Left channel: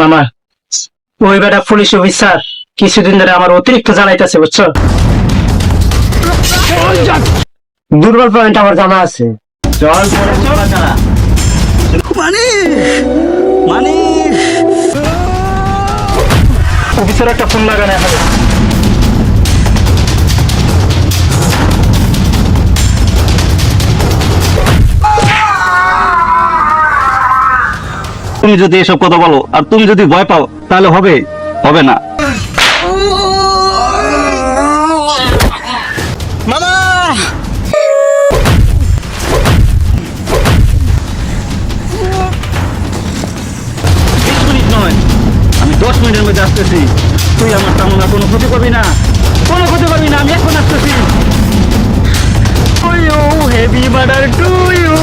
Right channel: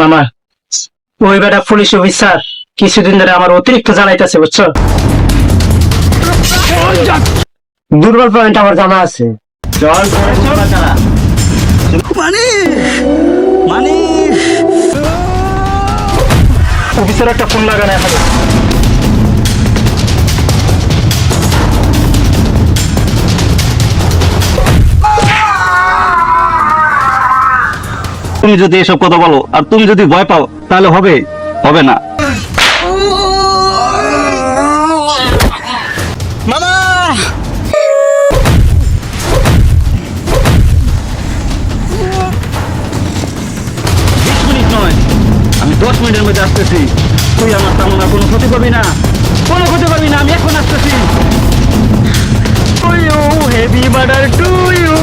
মামা, ওই বেটা পুলিশ অফিসার কিছুদিন ধরে আমার অতিরিক্ত জ্বালাইতেছে, বুঝছো? দুর্বল পয়েন্ট আমার জানা আছে। চল পরে বুঝবা কারা। অফিসার একটা ফোন লাগানো এখানে। তুমি যদি এসব কথা বলো আর তুমি যদি ভয় পাও তাহলে হবে হবে না। মামা 20 মিনিট নয়, আমি 10 মিনিটের মধ্যে আসতেছি। তুই আমার তেমন আর কোনো ক্ষতি করবি না, কোনো ক্ষতি করবি না, আমি এখন আসতেছি। Heavy murder to you.